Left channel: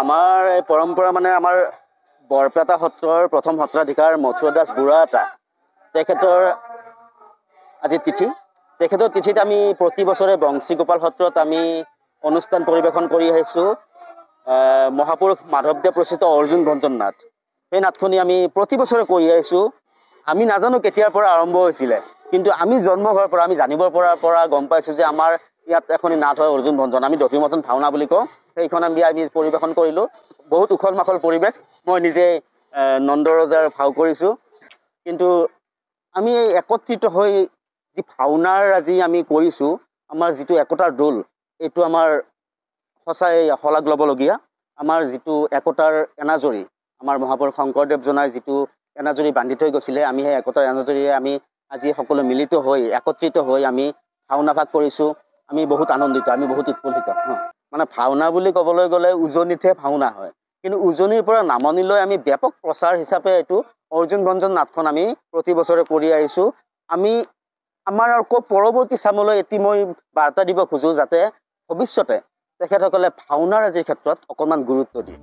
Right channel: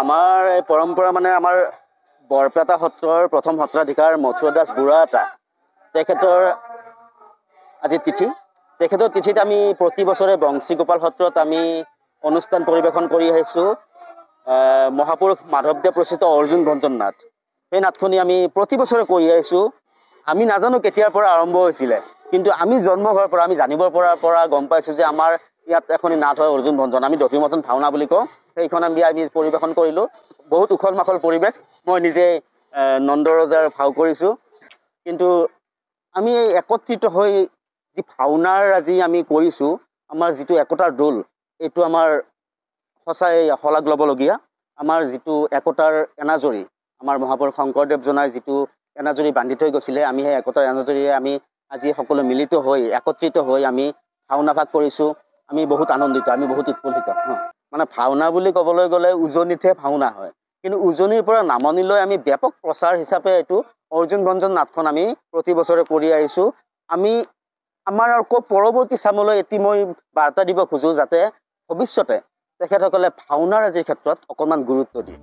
আমাৰ এই পৰম্পৰা মানে আমাৰ বৰপেটা সত্ৰৰ প্ৰথম সত্ৰাধিকাৰ মথুৰা দাস বুঢ়াতা তেখেতৰ আজি তিথি। তেখেতৰ তিথিত আমি প্ৰতি বছৰে বংশীগোপাল সত্ৰত আমি অনুষ্ঠান পৰিৱেশন কৰি আহিছোঁ মহাপুৰুষ মাধৱদেৱ ৰচিত অৰ্জুন ভঞ্জন নাট। সেই নাটখনি আমি প্ৰতি বছৰে কৰি আহিছোঁ। আমি নাজানো কেতিয়াৰ পৰা আৰম্ভ হৈছিলে, কিন্তু আমি জন্ম হোৱাৰ পৰা আমি জানিবৰ পৰা গম পাইছোঁ যে আমাৰ ইয়াত এখনি নাট হয় অৰ্জুন ভঞ্জন, আমি দধিমথন ভাওনা বুলি কওঁ। সেইখন আমি পৰিৱেশন কৰিলোঁ। বহুত উখল মাখল পৰিৱেশ। মই নিজে নন্দৰজাৰ ভাও কৰিছোঁ। কিন্তু আমি একত্ৰিত হৈ যি ভাওনাৰ আজি আমি কৰিছোঁ, আমাৰ যিটো একতাৰ দোল, এইটো আমাৰ সঁচাই শলাগ ল'বলগীয়া। আমাৰ যিটো একতাৰ এনাজৰী, আমাৰ মহাপুৰুষ শংকৰদেৱজনাই যিটো এনাজৰী বান্ধি থৈ গৈছিলে, আমি সেই একতাৰ এনাজৰীৰে আমি আজি সকলো মিলিত হৈ একত্ৰিত হৈ আমি ভাওনা ভাগ কৰিছোঁ। আমি বহুত আনন্দিত, আমি বহুত উৎফুল্লিত। মানে ভাওনা বুলি ক'বলৈ গ'লে উজনিতহে ভাওনা হয়, কিন্তু উজনিৰ পৰা নামনিলৈ আমি ব্যাপক প্ৰচাৰ হিচাপে এইটো অৰ্জুন ভঞ্জন নাটখন আমি প্ৰতি বছৰে কৰি আহিছোঁ। আমি আমাৰ আকৌ পৰৱৰ্তী চামলৈ এটি মই বাৰ্তা দিব খোজোঁ, যাতে ভৱিষ্যতে তেখেতসকলে ভাওনাৰ আজিৰ ক্ষেত্ৰত অকণমান গুৰুত্ব দিয়ে।